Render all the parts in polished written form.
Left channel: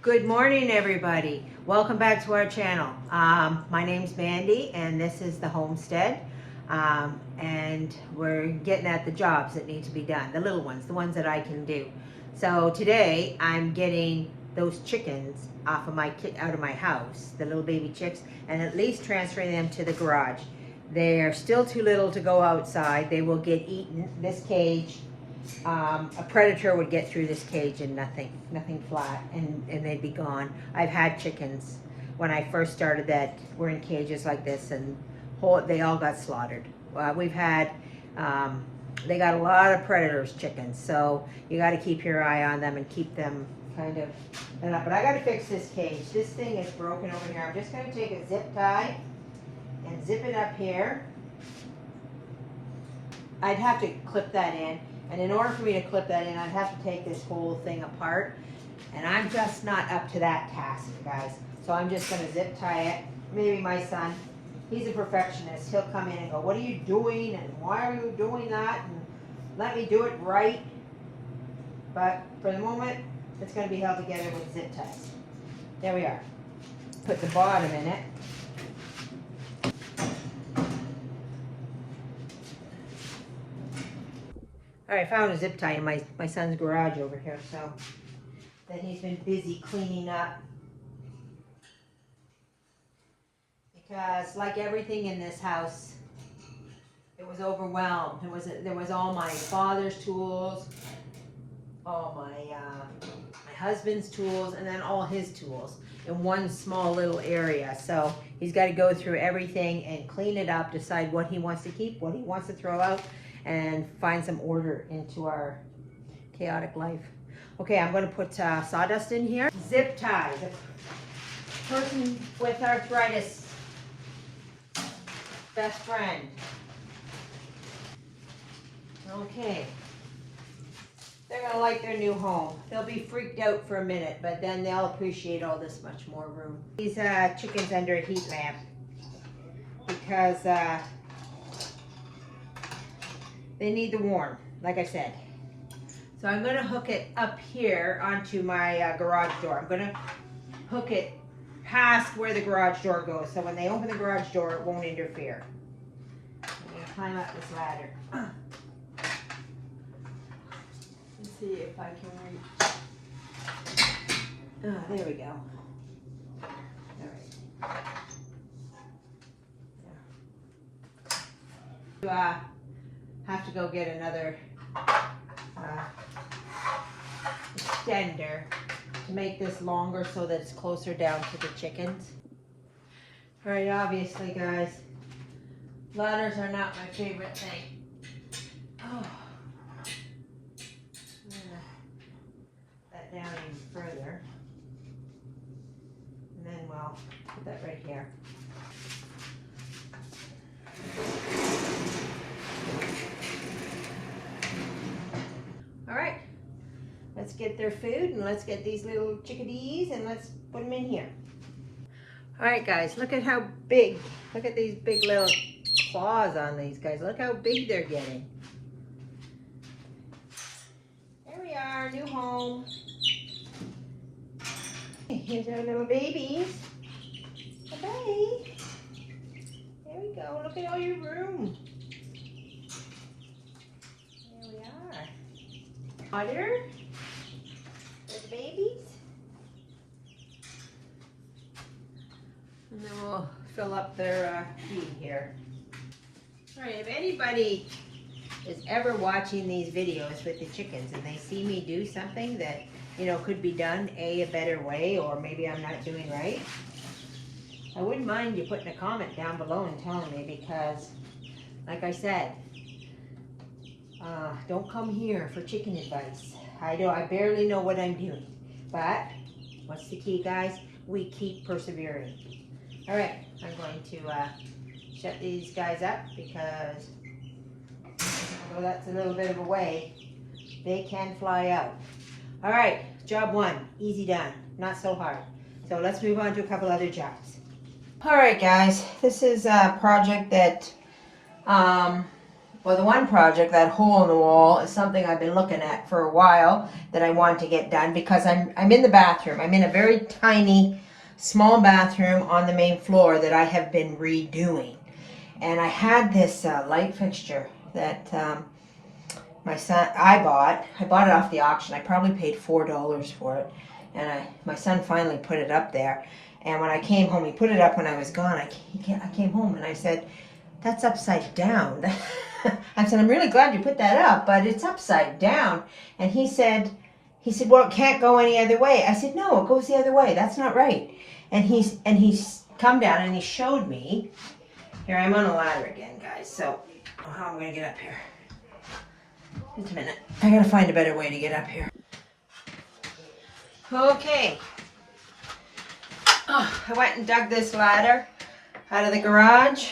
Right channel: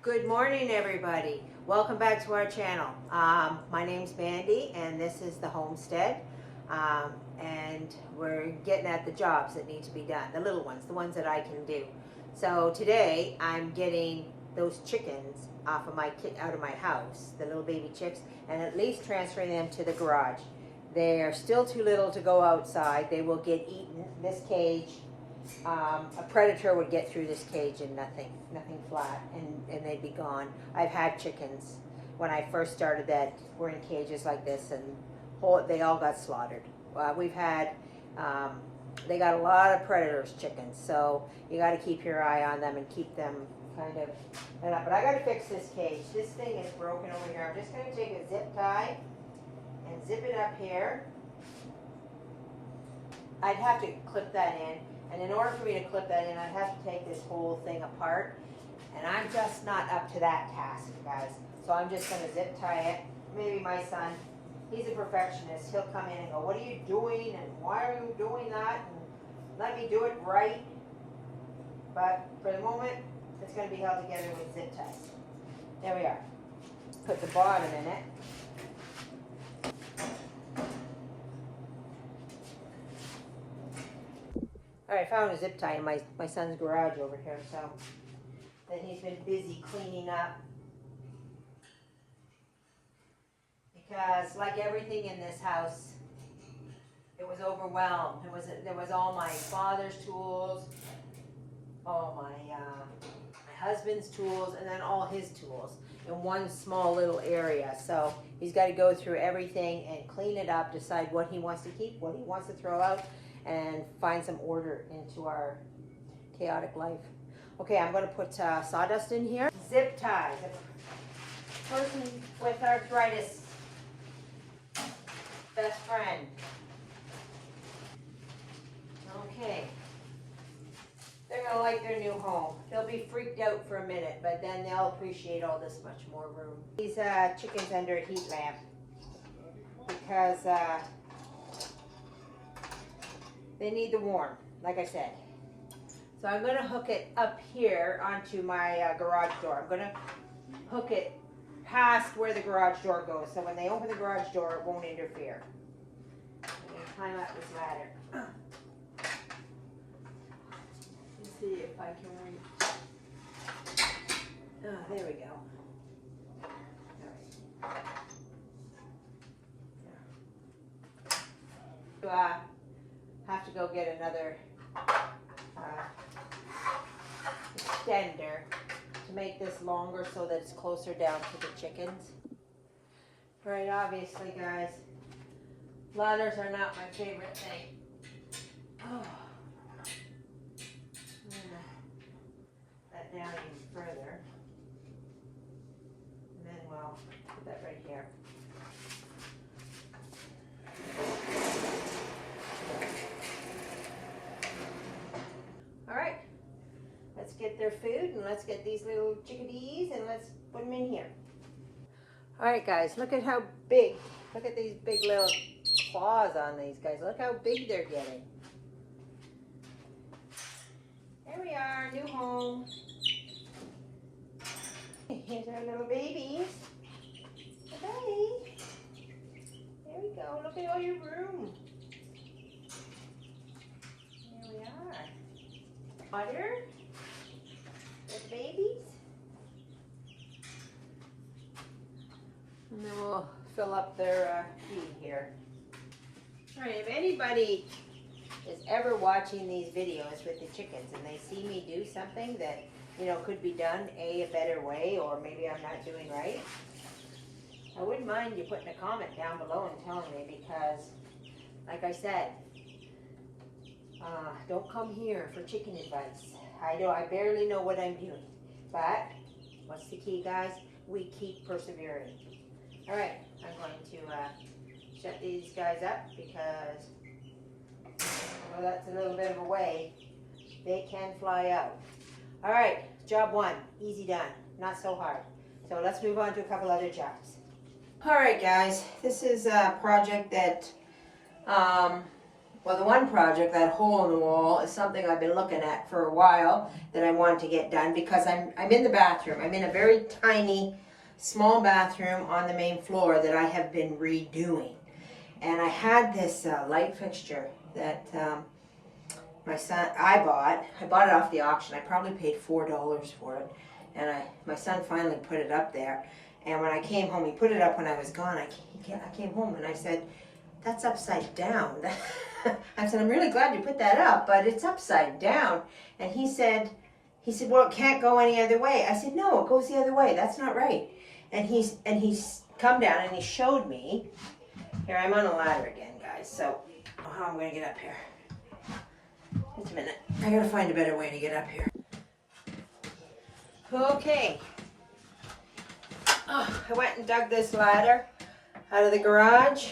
Good morning, everybody. Welcome back to our channel. My name's Mandy, and this is the homestead. And we're getting at the jobs that need to be done, the little ones, the ones that I can do. So today I'm getting those chickens out of my house, the little baby chicks, and at least transferring them to the garage. They are still too little to go outside. They will get eaten. This cage, a predator would get through this cage and nothing flat, and they'd be gone. I've had chickens when I first started that were in cages like this, and they all got slaughtered. We've had, they got a lot of predators, chickens, so you got to keep your eye on them and keep them kind of, but I got to fix this cage. This thing is broken over here. I'm just going to take a zip tie and zip it up here. I'd have to clip that in. And in order for me to clip that in, I'd have to take this whole thing apart. And I'm just not up to that task, guys. So I'm just going to zip tie it. Maybe my son, he's a perfectionist. He'll come in and go, what are you doing? And why are you doing that? And let me do it right. But for the moment, it's going to be held together with zip ties. There we are. Put the bottom in it. All right, I found a zip tie in my son's garage over here, so that he's been busy cleaning up. Because like everything in this house, it was overwhelmed. There was all my father's tools, all my husband's tools, and then all his tools in one small little area. So he's got to go through everything and clean it up, decide what he wants to keep, what he wants to throw out, and find some order into our chaotic life. Okay, I'm going to put sawdust in here. Zip tie. The person with arthritis, best friend. Okay. They're going to like their new home. They'll be freaked out for a minute, but then they'll appreciate all this much more room. These chickens under a heat lamp because they need the warm, like I said. So I'm going to hook it up here onto my garage door. I'm going to hook it past where the garage door goes, so when they open the garage door, it won't interfere. I'm going to climb up this ladder. Let's see if I can reach. There we go. All right. Have to go get another extender to make this longer so that it's closer down to the chickens. All right, obviously, guys, ladders are not my favorite thing. Oh, I'm gonna that down even further, and then we'll put that right here. All right, let's get their food and let's get these little chickadees and let's put them in here. All right, guys, look at how big, look at these big little claws on these guys. Look how big they're getting. There we are, new home. Here's our little babies. Bye-bye. There we go, look at all your room. There we are. Water for the babies. And then we'll fill up their feed here. All right, if anybody is ever watching these videos with the chickens and they see me do something that, you know, could be done a better way, or maybe I'm not doing right, I wouldn't mind you putting a comment down below and telling me, because like I said, don't come here for chicken advice. I barely know what I'm doing. But what's the key, guys? We keep persevering. All right, I'm going to shut these guys up because although that's a little bit of a way, they can fly out. All right, job one, easy done, not so hard. So let's move on to a couple other jobs. All right, guys, this is a project that Well, the one project, that hole in the wall, is something I've been looking at for a while that I want to get done because I'm in the bathroom. I'm in a very tiny, small bathroom on the main floor that I have been redoing. And I had this light fixture that I bought it off the auction. I probably paid $4 for it. And my son finally put it up there. And when I came home, he put it up when I was gone. I came home and I said, that's upside down. I said, I'm really glad you put that up, but it's upside down. And he said, well, it can't go any other way. I said, no, it goes the other way. That's not right. And he's come down and he showed me. Here, I'm on a ladder again, guys. So, how am I going to get up here? Just a minute. I got to find a better way to get up here. Okay. Oh, I went and dug this ladder out of the garage.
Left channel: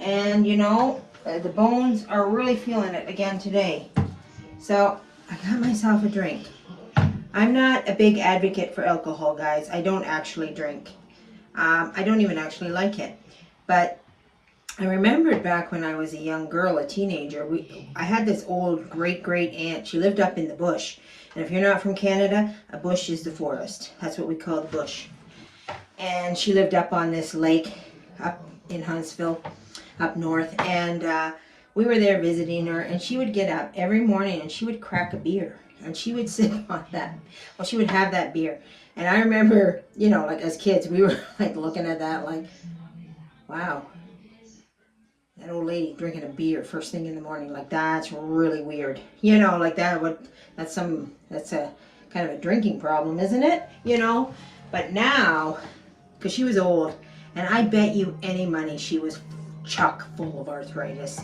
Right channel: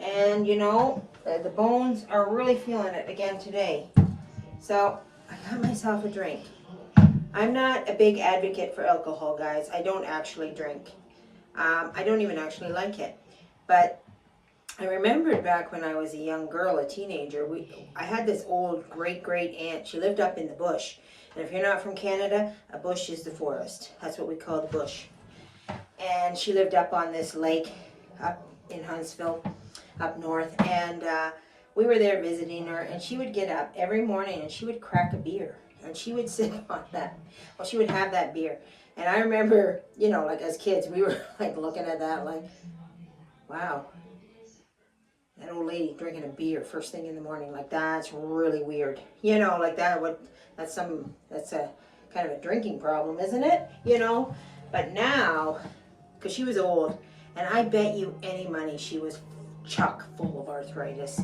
And, you know, the bones are really feeling it again today. So, I got myself a drink. I'm not a big advocate for alcohol, guys. I don't actually drink. I don't even actually like it. But I remembered back when I was a young girl, a teenager, I had this old great aunt. She lived up in the bush. And if you're not from Canada, a bush is the forest. That's what we call the bush. And she lived up on this lake up in Huntsville, up north. And we were there visiting her. And she would get up every morning and she would crack a beer. And she would sit on that. Well, she would have that beer. And I remember, you know, like as kids, we were like looking at that like, wow. That old lady drinking a beer first thing in the morning, like that's really weird. You know, like that's a kind of a drinking problem, isn't it? You know, but now, because she was old, and I bet you any money she was chock full of arthritis.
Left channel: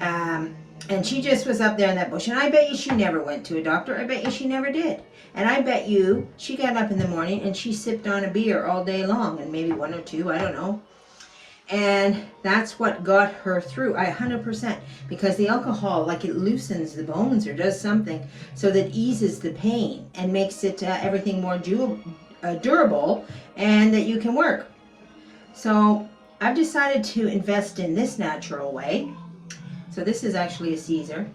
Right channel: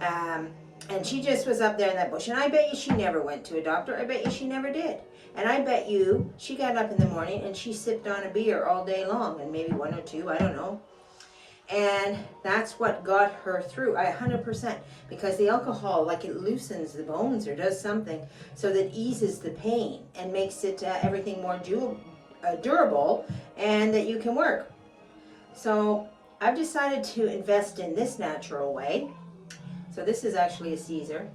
And she just was up there in that bush, and I bet you she never went to a doctor. I bet you she never did. And I bet you she got up in the morning and she sipped on a beer all day long, and maybe one or two, I don't know. And that's what got her through, 100%, because the alcohol, like it loosens the bones or does something so that eases the pain and makes it everything more durable and that you can work. So I've decided to invest in this natural way. So this is actually a Caesar.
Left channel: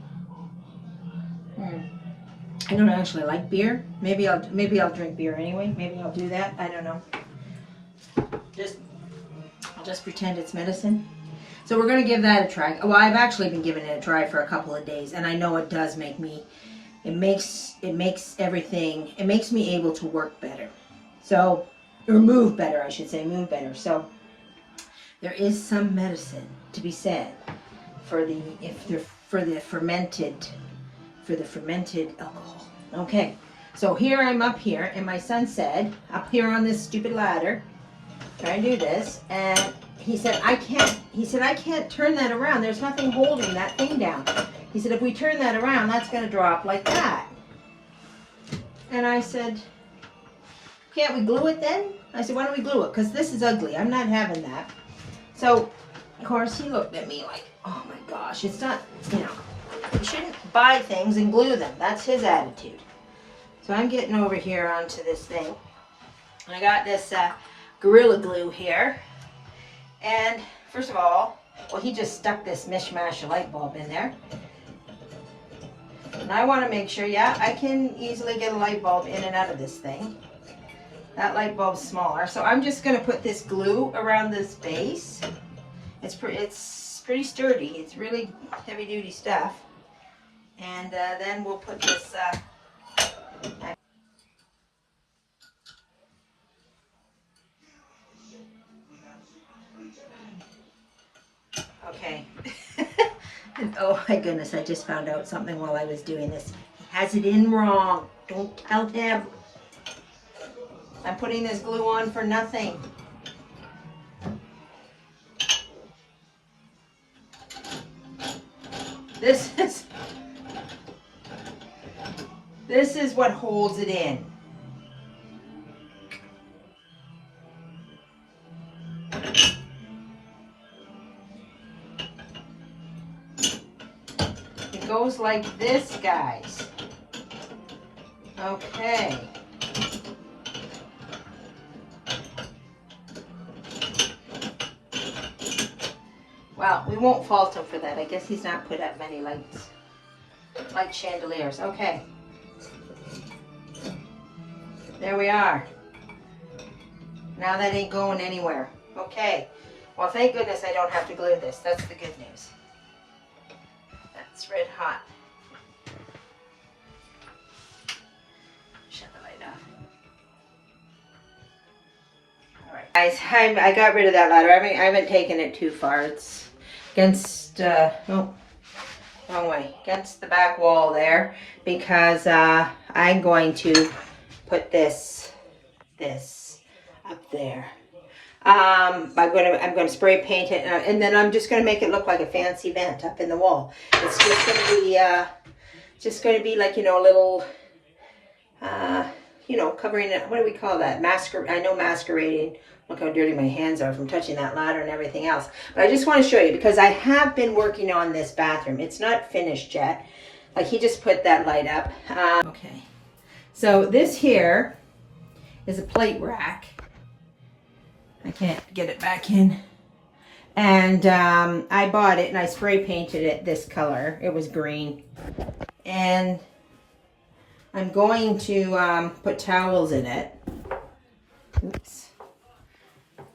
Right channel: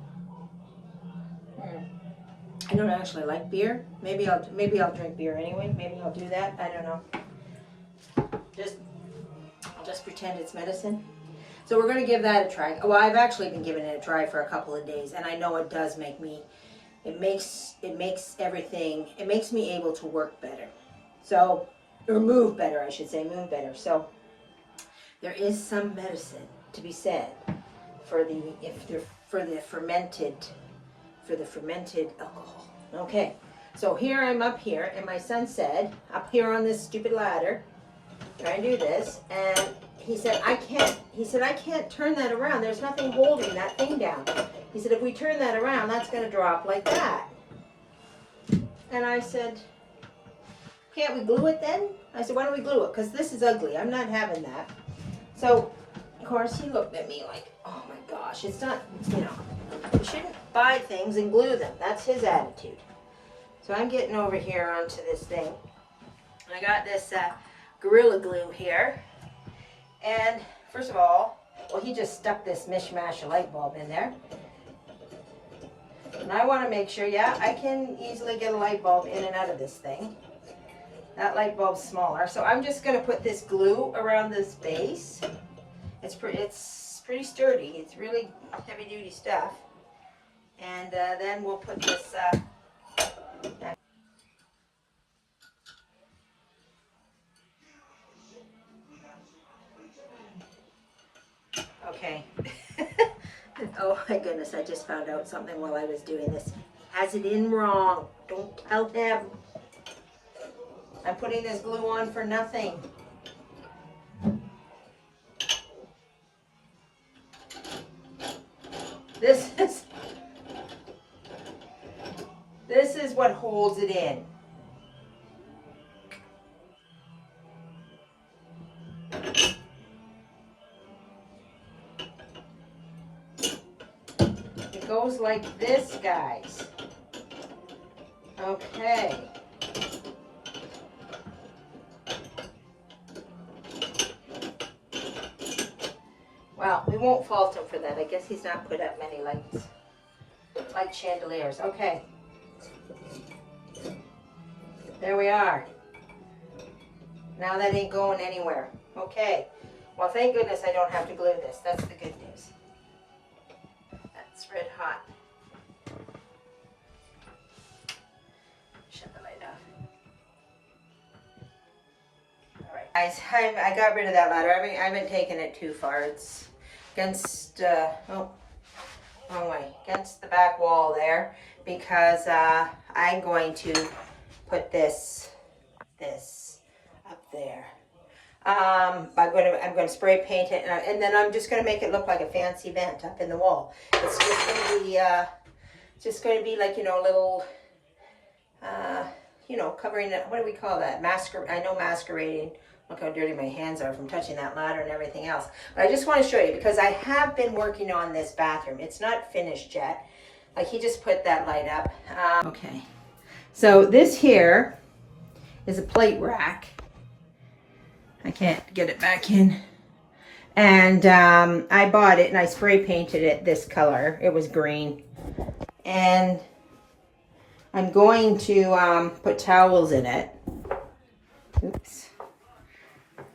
I don't actually like beer. Maybe I'll drink beer anyway. Maybe I'll do that. I don't know. I'll just pretend it's medicine. So we're going to give that a try. Well, I've actually been giving it a try for a couple of days, and I know it does make me, it makes everything, it makes me able to work better. So, or move better, I should say, move better. So there is some medicine to be said for the fermented alcohol. Okay. So here I'm up here, and my son said, up here on this stupid ladder, trying to do this, and he said, I can't turn that around. There's nothing holding that thing down. He said, if we turn that around, that's going to drop like that. And I said, can't we glue it then? I said, why don't we glue it? Because this is ugly. I'm not having that. So, of course, he looked at me like, oh my gosh, it's not, you know, you shouldn't buy things and glue them. That's his attitude. So I'm getting over here onto this thing. I got this Gorilla Glue here. And first of all, well, he just stuck this mishmash of light bulb in there. And I want to make sure, yeah, I can easily get a light bulb in and out of this thing. That light bulb's smaller. So I'm just going to put this glue around this base. It's pretty sturdy. It's really heavy duty stuff. And then we'll put this okay. Oh my goodness, I just found out something while I was doing this. He has it in wrong. Don't tell him. I'm putting this glue on for nothing. This is what holds it in. It goes like this, guys. Okay. Well, we won't fault him for that. I guess he's not put up many lights, like chandeliers. Okay. There we are. Now that ain't going anywhere. Okay. Well, thank goodness I don't have to glue this. That's the good news. That's red hot. Shut the light off. All right, guys. I got rid of that ladder. I haven't taken it too far. It's against, oh, wrong way. Against the back wall there, because I'm going to put this up there. I'm gonna spray paint it, and then I'm just gonna make it look like a fancy vent up in the wall. It's just gonna be like, you know, a little, you know, covering it. What do we call that? I know masquerading. Look how dirty my hands are from touching that ladder and everything else. But I just want to show you, because I have been working on this bathroom. It's not finished yet. Like, he just put that light up. Okay. So this here is a plate rack. I can't get it back in. And I bought it and I spray painted it this color. It was green. And I'm going to put towels in it. Oops.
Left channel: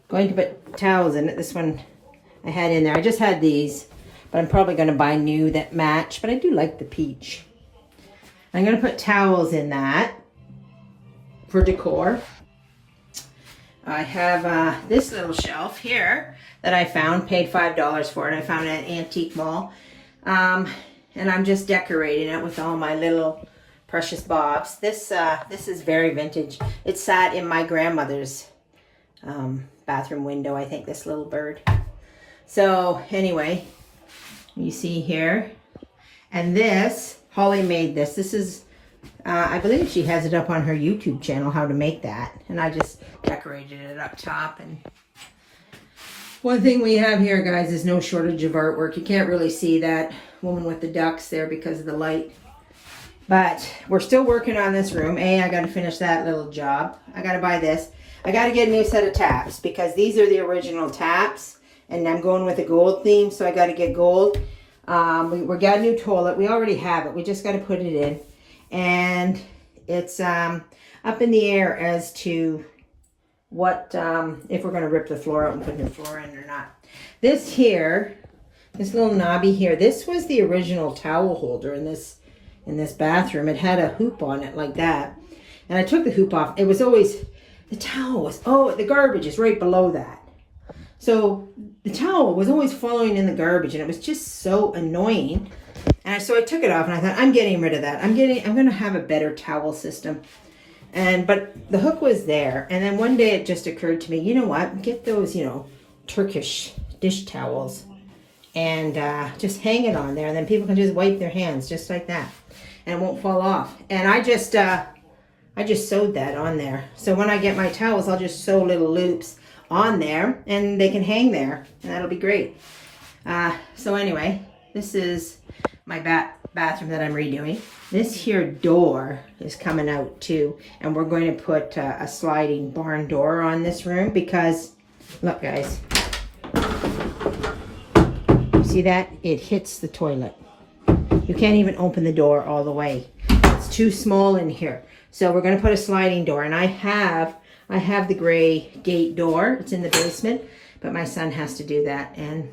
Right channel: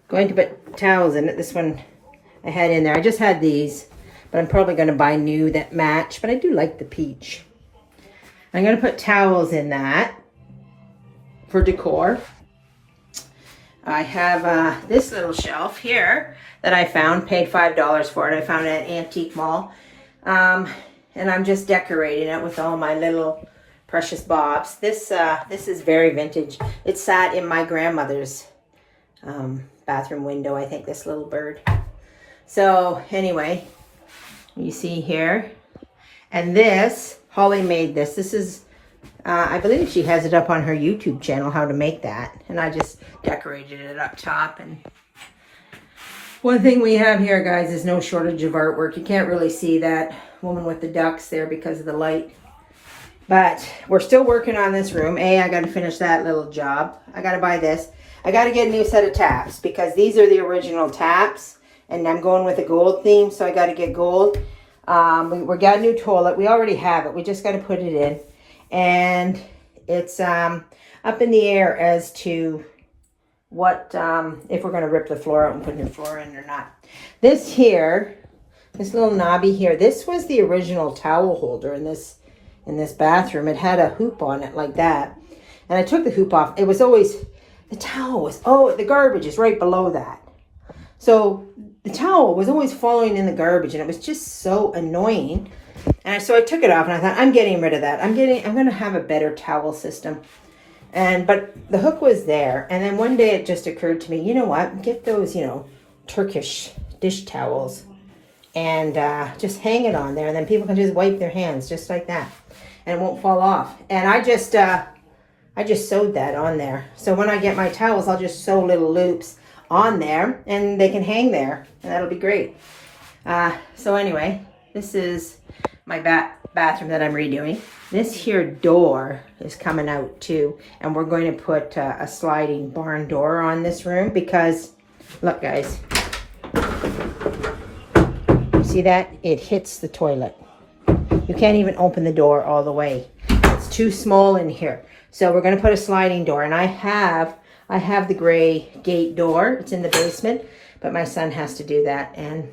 Going to put towels in it. This one I had in there. I just had these, but I'm probably going to buy new that match. But I do like the peach. I'm going to put towels in that for decor. I have this little shelf here that I found, paid $5 for it. I found it at an antique mall. And I'm just decorating it with all my little precious bobs. This is very vintage. It sat in my grandmother's bathroom window, I think, this little bird. So anyway, you see here. And this, Holly made this. This is, I believe she has it up on her YouTube channel, how to make that. And I just decorated it up top. And one thing we have here, guys, is no shortage of artwork. You can't really see that woman with the ducks there because of the light. But we're still working on this room. I got to finish that little job. I got to buy this. I got to get a new set of taps because these are the original taps. And I'm going with a gold theme, so I got to get gold. We got a new toilet. We already have it. We just got to put it in. And it's up in the air as to what, if we're going to rip the floor out and put new floor in or not. This here, this little knobby here, this was the original towel holder in this bathroom. It had a hoop on it like that. And I took the hoop off. It was always, the towel was, the garbage is right below that. So the towel was always falling in the garbage and it was just so annoying. And so I took it off and I thought, I'm getting rid of that. I'm going to have a better towel system. But the hook was there. And then one day it just occurred to me, you know what? Get those, Turkish dish towels and just hang it on there. And then people can just wipe their hands just like that. And it won't fall off. And I just sewed that on there. So when I get my towels, I'll just sew little loops on there and they can hang there. And that'll be great. So anyway, this is my bathroom that I'm redoing. This here door is coming out too. And we're going to put a sliding barn door on this room because, look guys, see that? It hits the toilet. You can't even open the door all the way. It's too small in here. So we're going to put a sliding door. And I have the gray gate door. It's in the basement. But my son has to do that. And,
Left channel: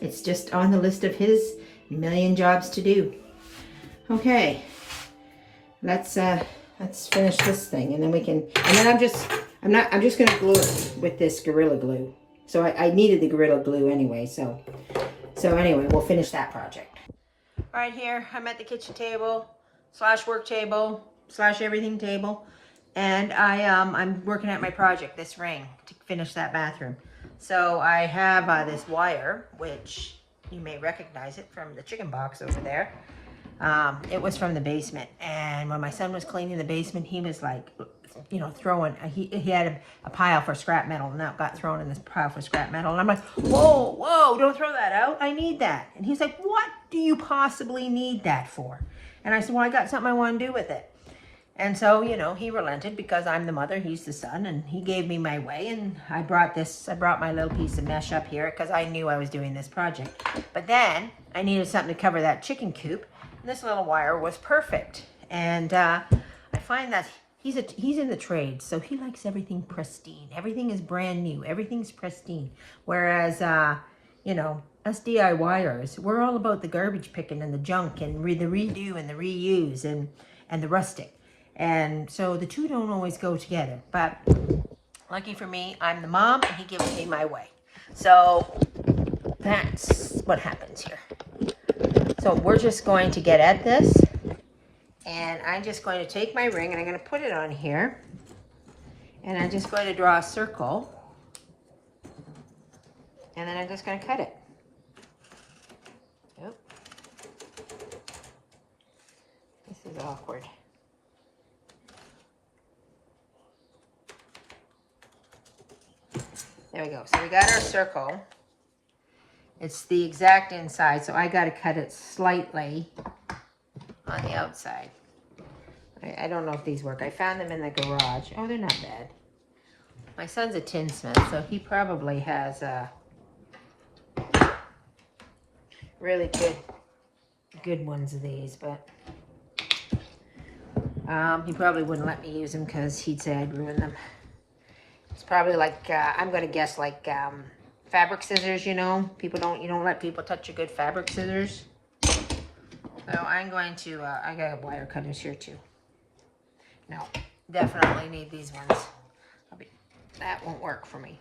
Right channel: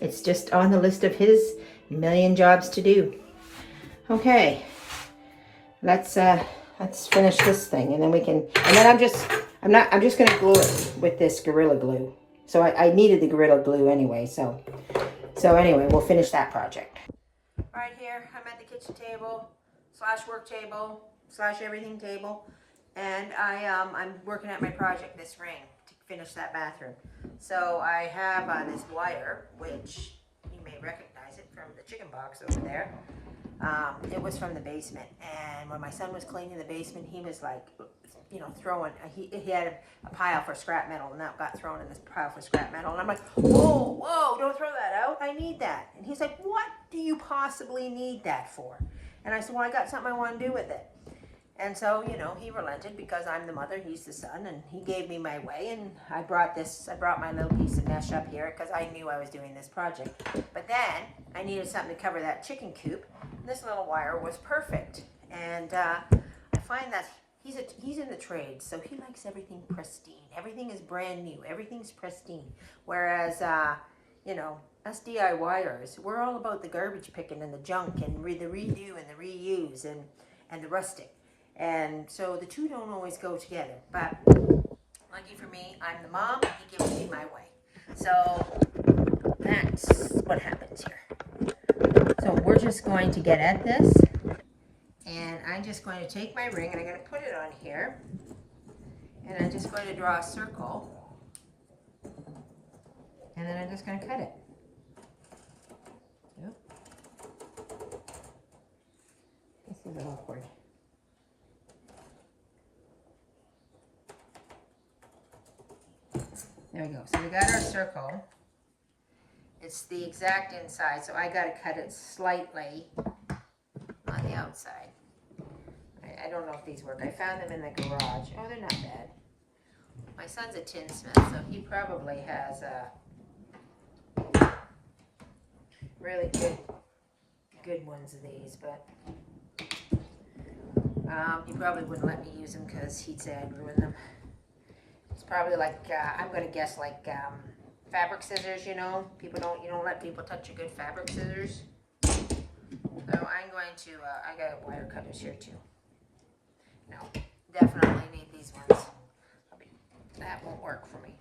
it's just on the list of his million jobs to do. Okay. Let's finish this thing. And then we can... And then I'm just going to glue it with this Gorilla Glue. So I needed the Gorilla Glue anyway. So anyway, we'll finish that project. Right here, I'm at the kitchen table / work table / everything table, and I'm working at my project, this ring, to finish that bathroom. So I have this wire, which you may recognize it from the chicken box over there. It was from the basement, and when my son was cleaning the basement, he was like, throwing, he had a pile for scrap metal, and that got thrown in this pile for scrap metal. And I'm like, whoa, don't throw that out. I need that. And he's like, what do you possibly need that for? And I said, well, I got something I want to do with it. And so, you know, he relented because I'm the mother, he's the son, and he gave me my way. And I brought my little piece of mesh up here because I knew I was doing this project. But then I needed something to cover that chicken coop, and this little wire was perfect. And I find that he's in the trade, so he likes everything pristine. Everything is brand new. Everything's pristine. Whereas, you know, us DIYers, we're all about the garbage picking and the junk and the redo and the reuse and the rustic. And so the two don't always go together. But lucky for me, I'm the mom and he gives me my way. So that's what happens here. So we're just going to get at this. And I'm just going to take my ring and I'm going to put it on here. And I'm just going to draw a circle. And then I'm just going to cut it. Yep. This is awkward. There we go. So we got our circle. It's the exact inside, so I got to cut it slightly on the outside. I don't know if these work. I found them in the garage. Oh, they're not bad. My son's a tinsmith, so he probably has really good ones of these, but he probably wouldn't let me use them because he'd say I'd ruin them. It's probably like, I'm going to guess like fabric scissors, you know. You don't let people touch your good fabric scissors. So I'm going to, I got wire cutters here too. No, definitely need these ones. That won't work for me.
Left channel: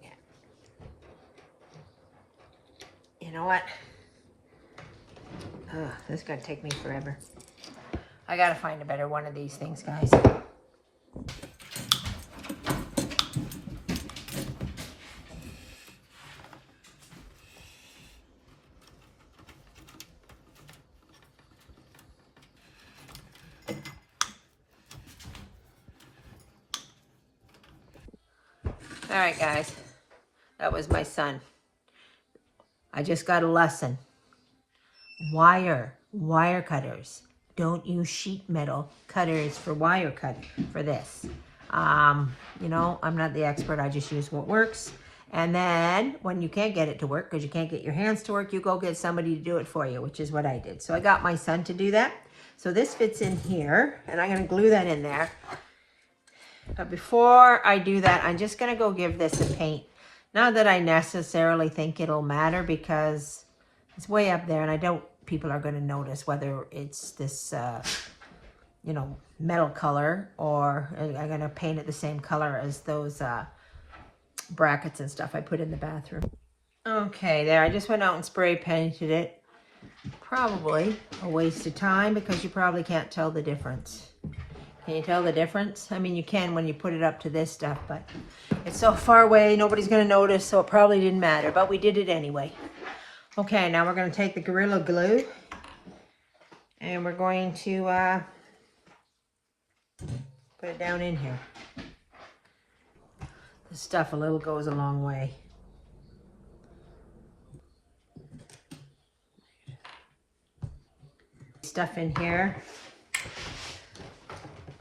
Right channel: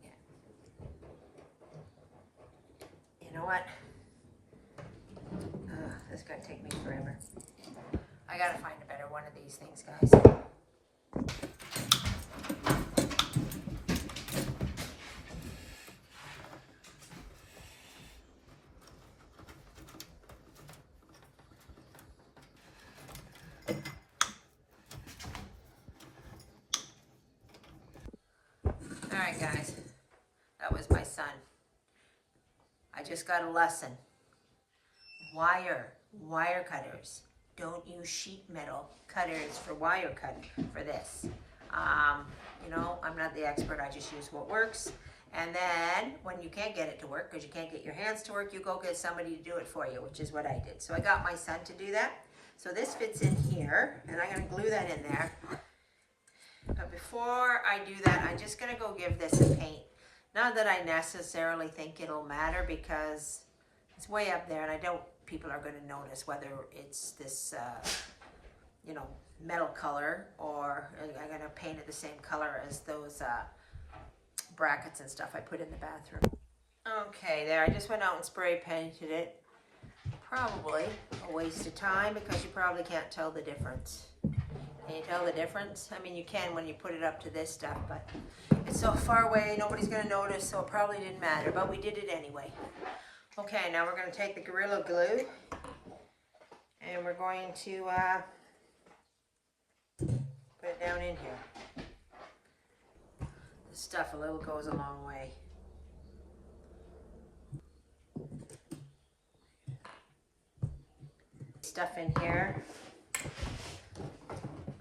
Yeah. You know what? This is going to take me forever. I got to find a better one of these things, guys. All right, guys, that was my son. I just got a lesson. Wire cutters. Don't use sheet metal cutters for wire cut for this. You know, I'm not the expert. I just use what works. And then when you can't get it to work because you can't get your hands to work, you go get somebody to do it for you, which is what I did. So I got my son to do that. So this fits in here, and I'm going to glue that in there. But before I do that, I'm just going to go give this a paint. Not that I necessarily think it'll matter because it's way up there and I don't, people are going to notice whether it's this, you know, metal color or I'm going to paint it the same color as those brackets and stuff I put in the bathroom. Okay, there, I just went out and spray painted it. Probably a waste of time because you probably can't tell the difference. Can you tell the difference? I mean, you can when you put it up to this stuff, but it's so far away, nobody's going to notice, so it probably didn't matter, but we did it anyway. Okay, now we're going to take the Gorilla Glue, and we're going to put it down in here. This stuff a little goes a long way. Stuff in here.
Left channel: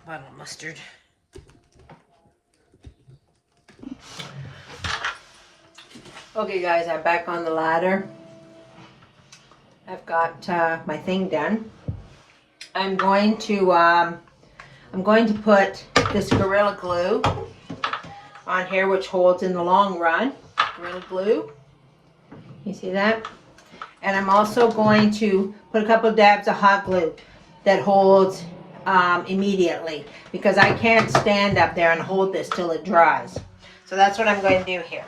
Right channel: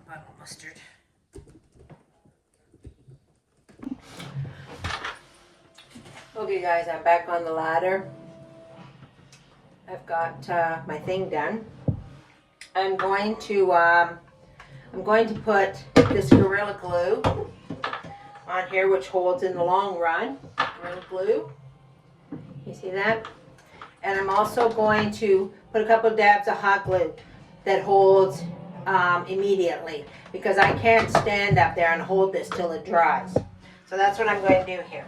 Bottle of mustard. Okay guys, I'm back on the ladder. I've got my thing done. I'm going to put this Gorilla Glue on here, which holds in the long run. Gorilla Glue. You see that? And I'm also going to put a couple of dabs of hot glue that holds immediately, because I can't stand up there and hold this till it dries. So that's what I'm going to do here.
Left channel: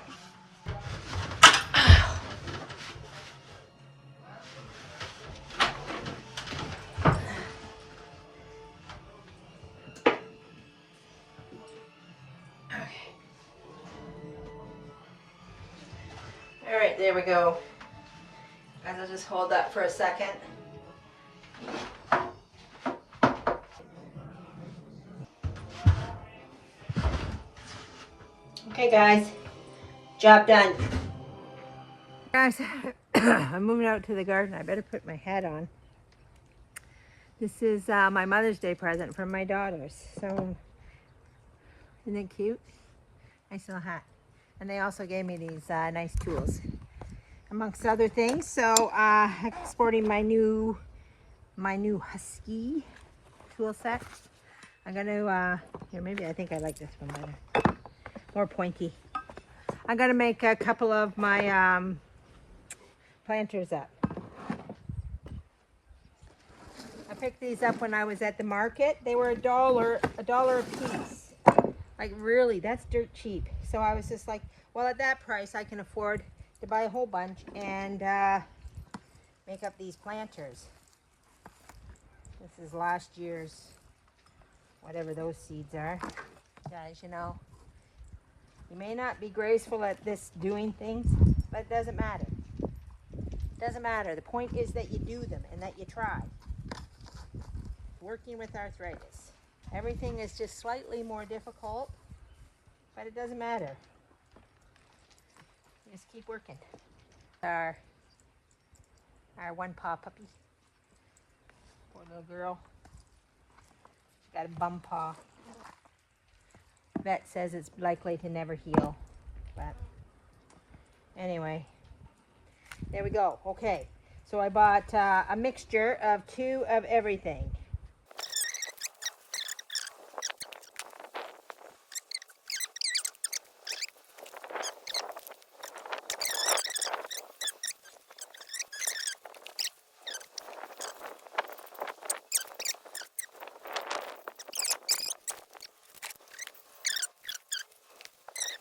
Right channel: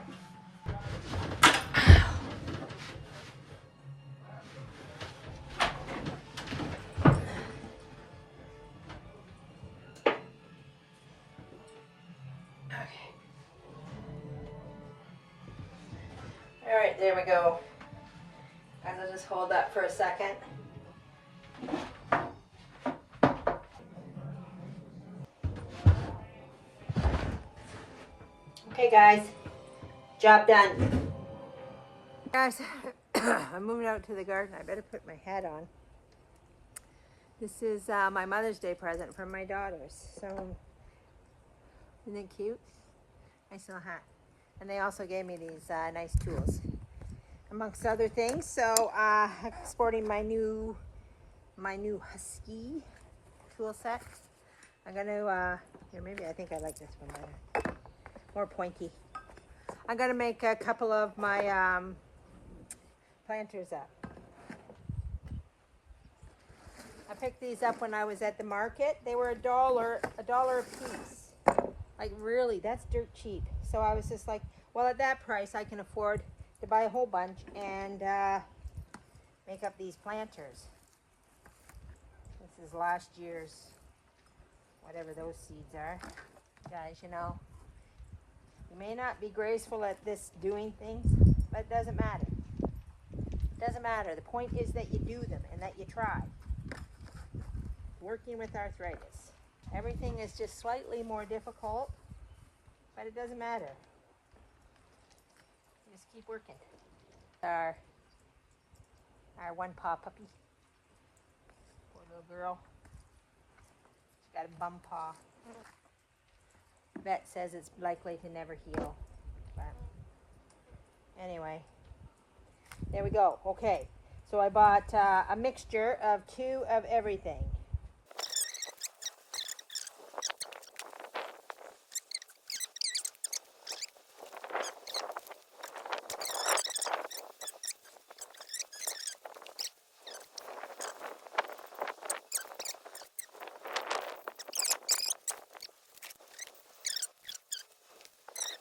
All right, there we go. Guys, I'll just hold that for a second. Okay guys, job done. Guys, I'm moving out to the garden. I better put my hat on. This is my Mother's Day present from my daughters. So, isn't it cute? Nice little hat. And they also gave me these nice tools, amongst other things. So, exporting my new Husky tool set. I'm gonna, here, maybe I think I like this one better. More pointy. I'm gonna make a couple of my planters up. I picked these up when I was at the market. They were $1 a piece. Like really, that's dirt cheap. So I was just like, well, at that price, I can afford to buy a whole bunch and make up these planters. This is last year's, whatever those seeds are. Guys, you know, you may not be graceful at this doing things, but it doesn't matter. It doesn't matter. The point is that you do them and that you try. Working with arthritis. Everything is just slightly more difficult, but it doesn't matter. Just keep working. Our one paw puppy. Poor little girl. She's got a bum paw. Vet says it's likely to never heal. But anyway, there we go. Okay, so I bought a mixture of 2 of everything.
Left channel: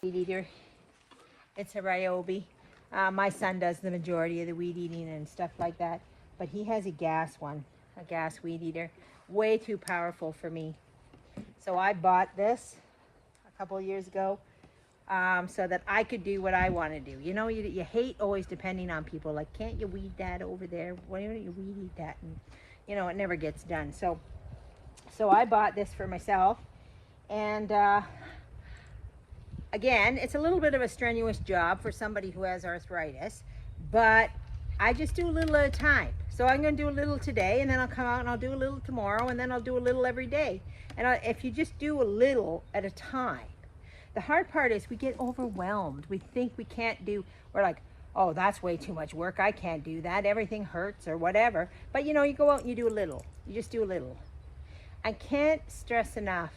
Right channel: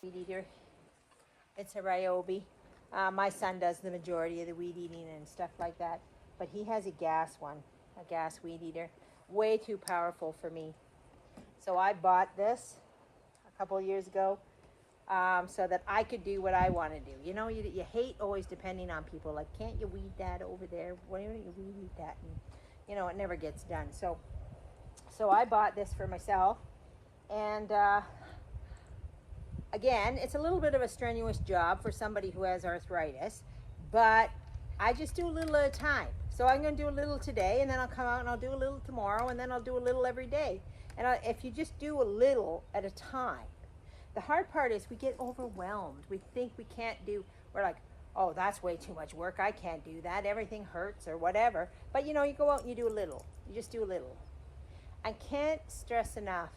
Weed eater. It's a Ryobi. My son does the majority of the weed eating and stuff like that, but he has a gas one, a gas weed eater. Way too powerful for me. So I bought this a couple of years ago so that I could do what I want to do. You know, you hate always depending on people. Like, can't you weed that over there? Why don't you weed eat that? And you know, it never gets done. So I bought this for myself, and again, it's a little bit of a strenuous job for somebody who has arthritis, but I just do a little at a time. So I'm going to do a little today, and then I'll come out and I'll do a little tomorrow, and then I'll do a little every day. And if you just do a little at a time, the hard part is we get overwhelmed. We think we can't do, we're like, oh, that's way too much work. I can't do that. Everything hurts or whatever. But you know, you go out and you do a little. You just do a little. I can't stress enough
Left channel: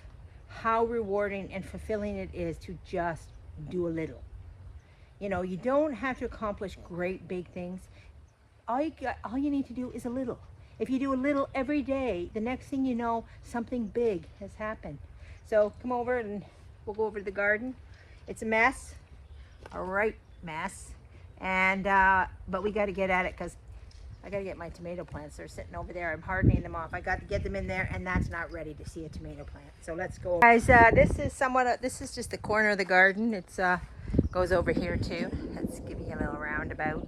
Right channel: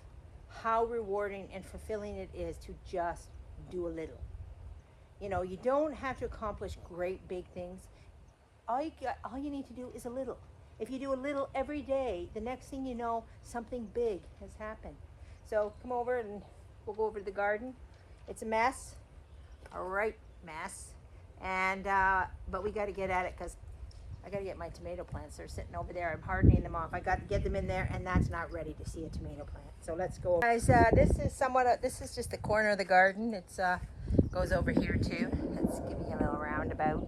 how rewarding and fulfilling it is to just do a little. You know, you don't have to accomplish great big things. All you need to do is a little. If you do a little every day, the next thing you know, something big has happened. So come over and we'll go over to the garden. It's a mess, a right mess, and but we got to get at it because I got to get my tomato plants. They're sitting over there. I'm hardening them off. I got to get them in there, and that's not ready to see a tomato plant. So let's go. Guys, this is just the corner of the garden. It's goes over here too. Let's give you a little roundabout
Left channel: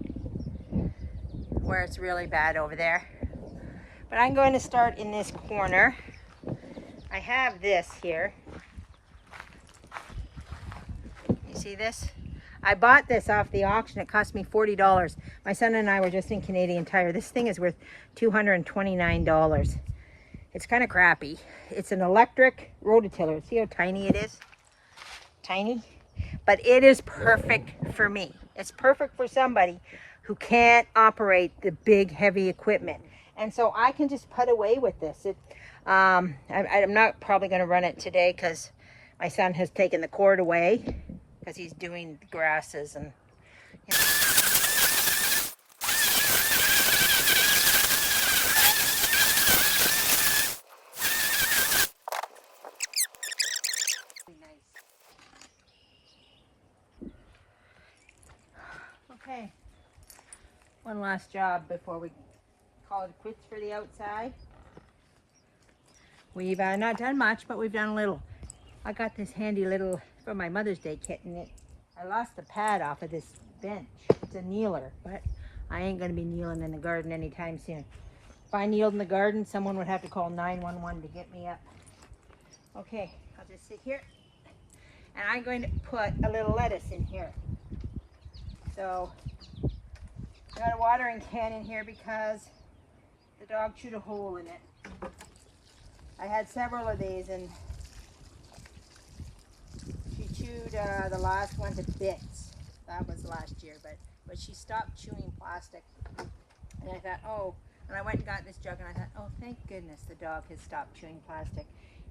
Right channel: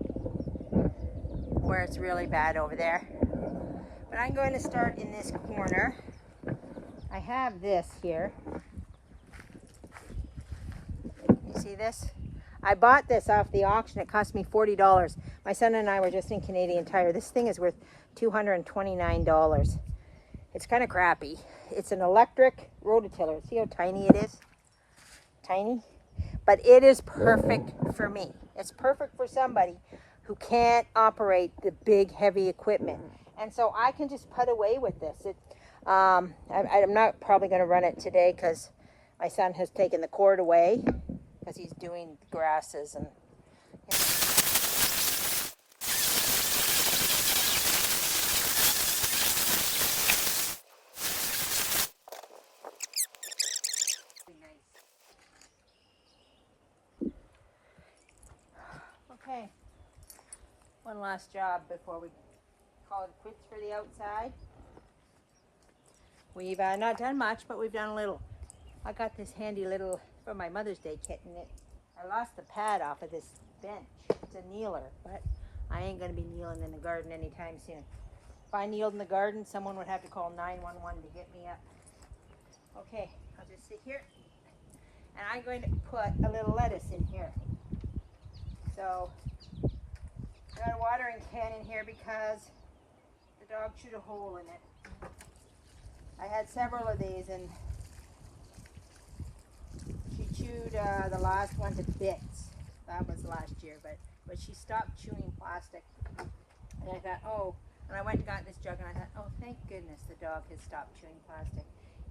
where it's really bad over there. But I'm going to start in this corner. I have this here. You see this? I bought this off the auction. It cost me $40. My son and I were just in Canadian Tire. This thing is worth $229. It's kind of crappy. It's an electric rototiller. See how tiny it is? Tiny. But it is perfect for me. It's perfect for somebody who can't operate the big, heavy equipment. And so I can just put away with this. I'm not probably going to run it today because my son has taken the cord away because he's doing the grasses and, you know. Okay, one last job before we call it quits for the outside. We've not done much, but we've done a little. I got this handy little, from my Mother's Day kit, and I lost the pad off of this bench. It's a kneeler, but I ain't going to be kneeling in the garden anytime soon. If I kneeled in the garden, someone would have to call 911 to get me up. Okay, I'll just sit here, and I'm going to put a little lettuce in here. So I got a watering can in here because the dog chewed a hole in it. I had several of these, and she chewed the last one to bits. That was last year, but she stopped chewing plastic. And I thought, oh, and I went and got this jug, and I thought, oh, thank goodness the dog has stopped chewing plastic.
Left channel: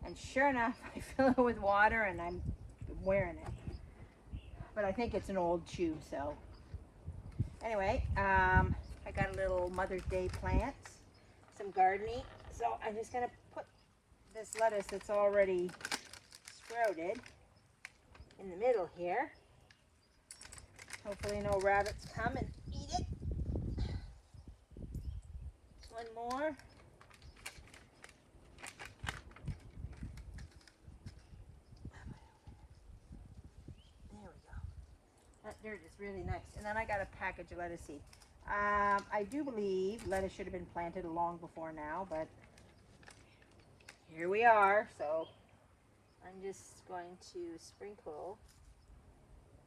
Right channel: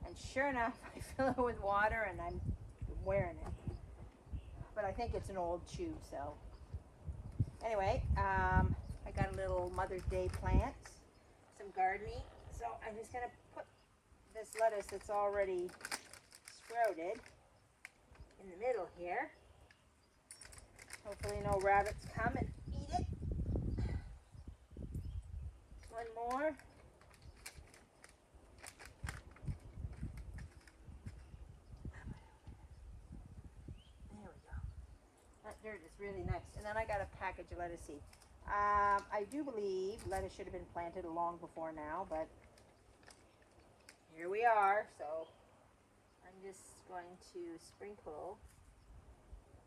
And sure enough, I fill it with water, and I'm wearing it. But I think it's an old chew, so. Anyway, I got a little Mother's Day plants, some gardening. So I'm just gonna put this lettuce that's already sprouted in the middle here. Hopefully no rabbits come and eat it. One more. There we go. That dirt is really nice. And then I got a package of lettuce seed. I do believe lettuce should have been planted long before now, but here we are. So I'm just going to sprinkle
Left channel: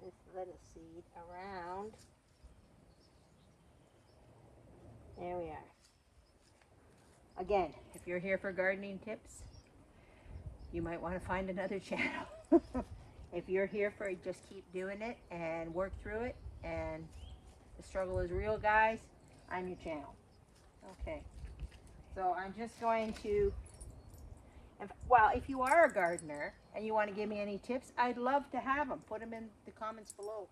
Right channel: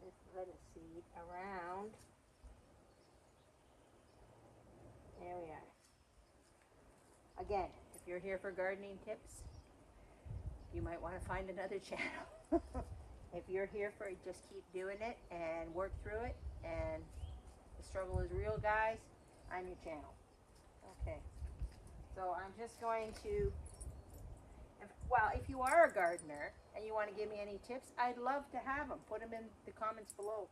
this lettuce seed around. There we are. Again, if you're here for gardening tips, you might want to find another channel. If you're here for it, just keep doing it and work through it. And the struggle is real, guys. I'm your channel. Okay. So I'm just going to, well, if you are a gardener and you want to give me any tips, I'd love to have them. Put them in the comments below.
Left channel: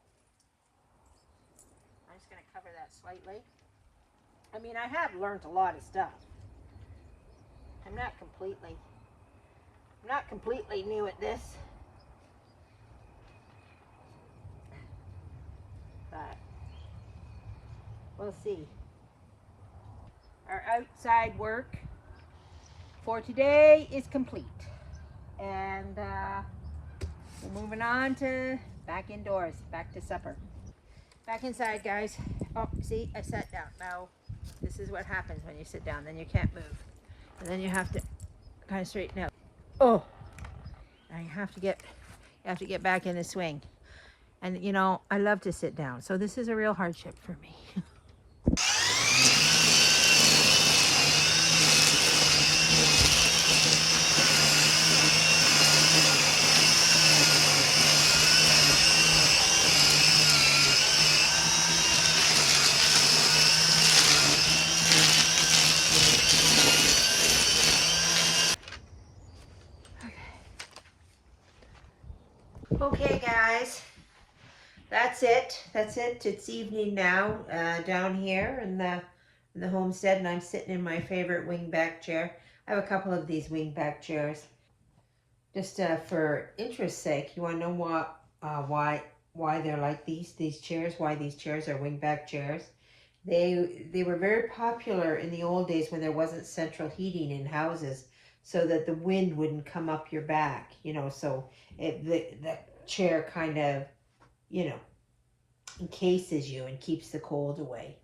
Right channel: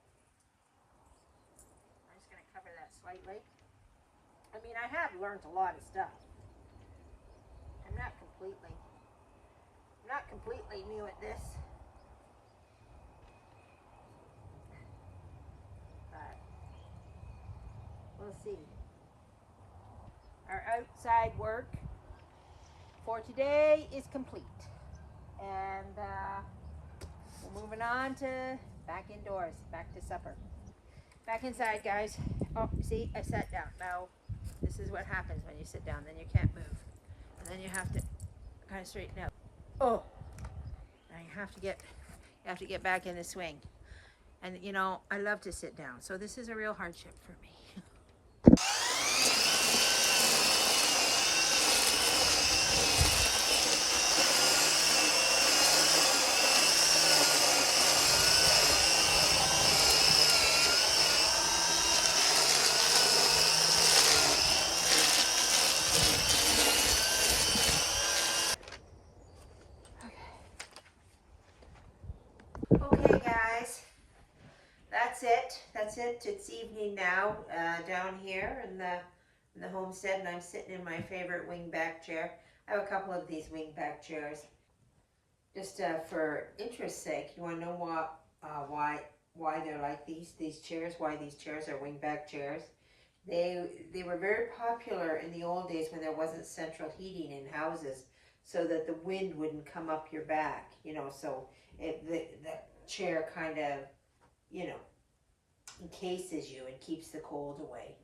I'm just going to cover that slightly. I mean, I have learned a lot of stuff. I'm not completely new at this. But we'll see. Our outside work for today is complete. And we're moving on to back indoors, back to supper. Back inside, guys. Oh, see, I sat down. Now, this is what happens when you sit down. Then you can't move. And then you have to kind of straighten out. Oh, and you have to get back in the swing. And you know, I love to sit down, so this is a real hardship for me. Okay, guys, that's it. It's evening now down here in the homestead, and I'm sitting in my favorite wingback chair. I have a couple of these wingback chairs. Just for interest's sake, you want to know why they're like these chairs? Why these chairs are wingback chairs? They were very popular in the old days when there wasn't central heating in houses, so that the wind wouldn't come up your back. You know, so the chair kind of, you know, encases you and keeps the cold away.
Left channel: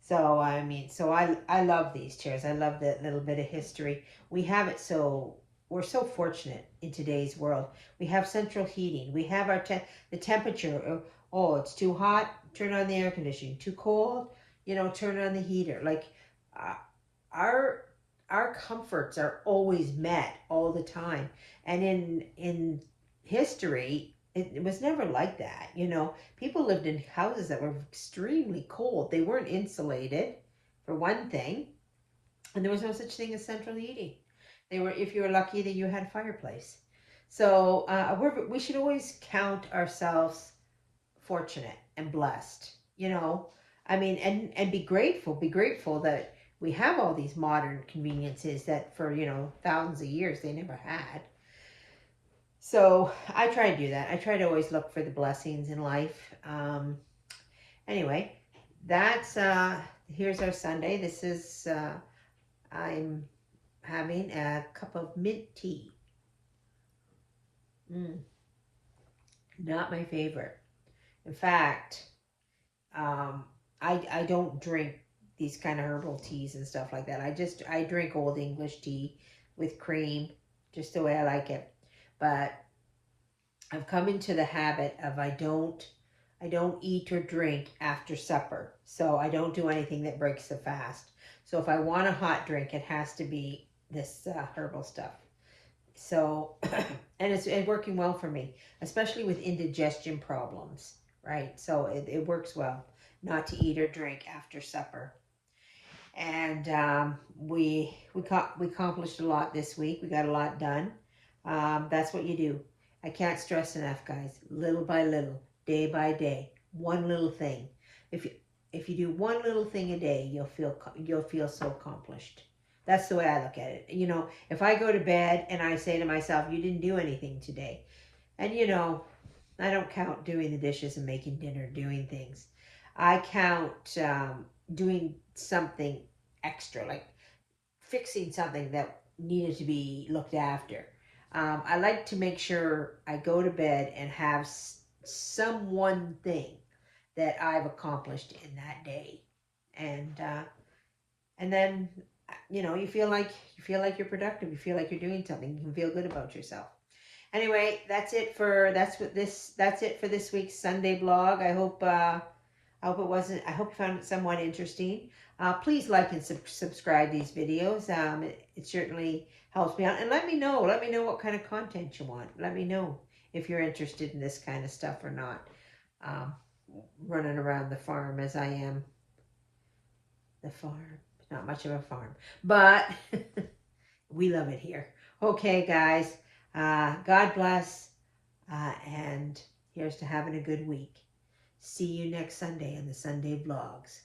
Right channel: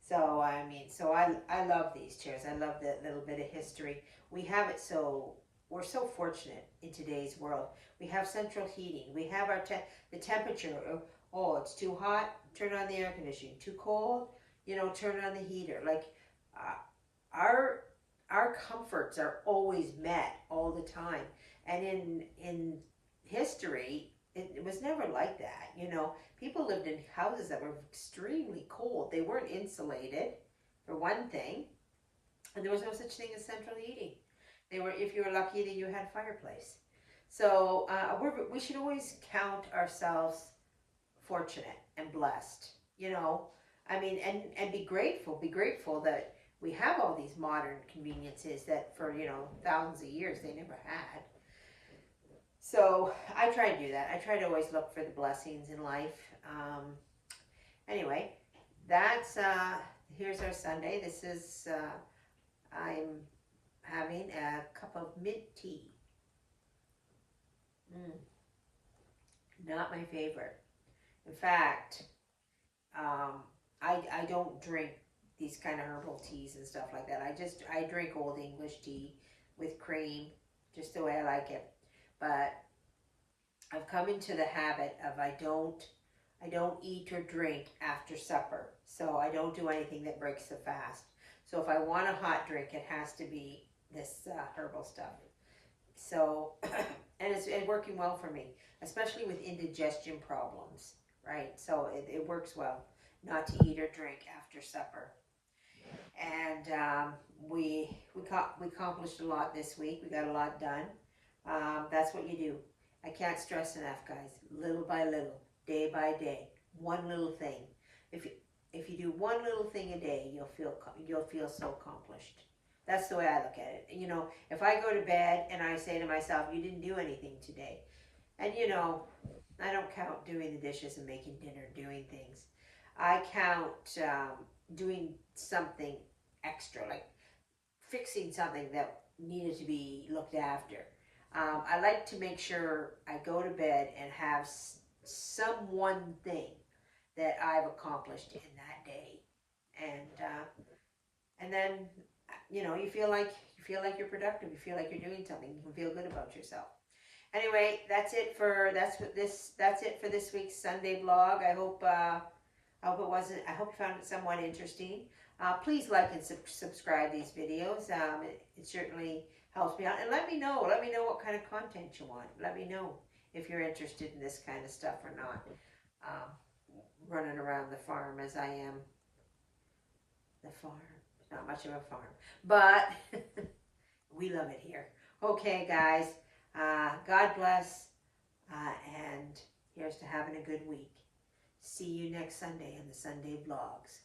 So I mean, so I love these chairs. I love that little bit of history. We have it, so we're so fortunate in today's world. We have central heating. We have our the temperature. Oh, it's too hot, turn on the air conditioning. Too cold, you know, turn on the heater. Like our comforts are always met all the time. And in history, it was never like that. You know, people lived in houses that were extremely cold. They weren't insulated, for one thing, and there was no such thing as central heating. They were, if you were lucky, that you had a fireplace. So we should always count ourselves fortunate and blessed. You know, I mean, and be grateful that we have all these modern conveniences that for, you know, thousands of years they never had. So I try to do that. I try to always look for the blessings in life. Anyway, that's here's our Sunday. This is I'm having a cup of mint tea. Not my favorite. In fact, I don't drink these kind of herbal teas and stuff like that. I drink old English tea with cream, just the way I like it. But I've come into the habit of I don't eat or drink after supper. So I don't do anything that breaks the fast. So if I want a hot drink, it has to be this herbal stuff. So, and it's working well for me, especially with indigestion problems, right? So it works well not to eat or drink after supper. And we accomplished a lot this week. We got a lot done. That's what you do. I can't stress enough, guys. Little by little, day by day, one little thing. If you if you do one little thing a day, you'll feel so accomplished. That's the way I look at it. You know, if I go to bed and I say to myself, "You didn't do anything today," and you know, I don't count doing the dishes and making dinner, doing things. I count doing something extra, like fixing something that needed to be looked after. I like to make sure I go to bed and have some one thing that I've accomplished in that day, and then you know you feel like you're productive. You feel like you're doing something. You can feel good about yourself. Anyway, that's it for this week's Sunday blog. I hope it wasn't. I hope you found it somewhat interesting. Please like and subscribe these videos. It certainly helps me out. And let me know. Let me know what kind of content you want. Let me know if you're interested in this kind of stuff or not. Um, Running around the farm as I am. The farm. Not much of a farm, but we love it here. Okay, guys. God bless. And here's to having a good week. See you next Sunday on the Sunday vlogs.